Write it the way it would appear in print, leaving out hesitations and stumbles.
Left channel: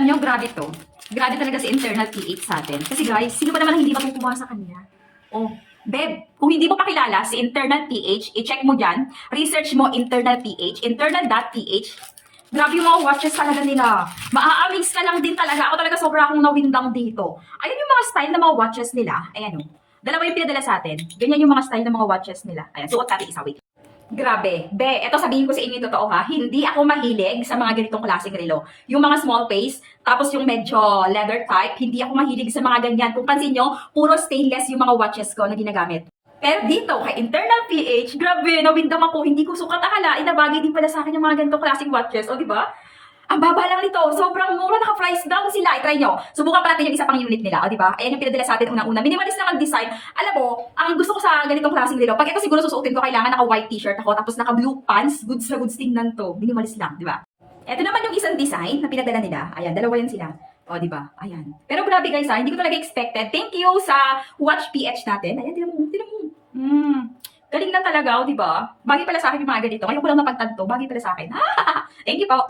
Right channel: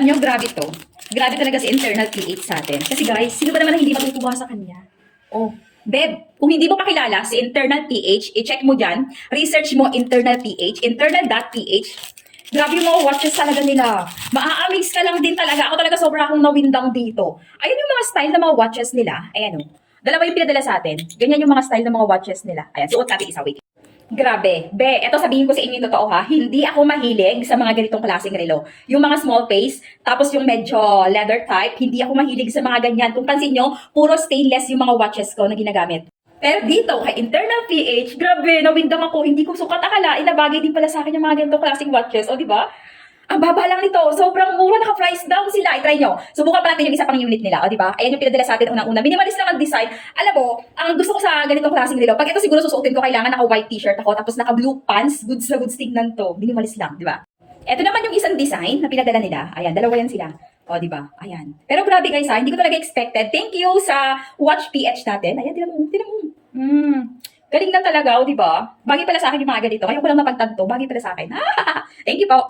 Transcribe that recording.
Alam nyo, grabe to. Grabe talaga si internal PH sa atin. Kasi guys, sino ba naman ang hindi matutuwa sa kanya? Oh, Beb, kung hindi mo pa kilala si internal PH, i-check mo dyan. Research mo internal PH, internal.ph. Grabe yung mga watches talaga nila. Maa-amaze ka lang din talaga. Ako talaga sobra akong nawindang dito. Ayun yung mga style ng mga watches nila. Ayan o. Dalawa yung pinadala sa atin. Ganyan yung mga style ng mga watches nila. Ayan, suot natin isa. Wait. Grabe. Be, eto sabihin ko sa inyo yung totoo ha. Hindi ako mahilig sa mga ganitong klaseng relo. Yung mga small face, tapos yung medyo leather type, hindi ako mahilig sa mga ganyan. Kung pansin nyo, puro stainless yung mga watches ko na ginagamit. Pero dito, kay internal PH, grabe, nawindang ako. Hindi ko sukat akalain na bagay din pala sa akin yung mga ganitong klaseng watches. O, di ba? Ang baba lang nito. Sobrang mura. Naka-price down sila. I-try nyo. Subukan pa natin yung isa pang unit nila. O, di ba? Ayan yung pinadala sa atin unang-una. Minimalist lang ang design. Alam mo, ang gusto ko sa ganitong klaseng relo, pag ito siguro susuotin ko, kailangan naka-white t-shirt ako, tapos naka-blue pants. Goods na goods tingnan to. Minimalist lang, di ba? Ito naman yung isang design na pinadala nila. Ayan, dalawa yan sila. O, di ba? Ayan. Pero grabe guys ha, hindi ko talaga expected. Thank you sa Watch PH natin. Ayan, tinan mo. Tinan mo. Galing lang talaga, o, di ba? Bagay pala sa akin yung mga ganito. Ngayon ko lang napagtanto. Bagay pala sa akin. Thank you po.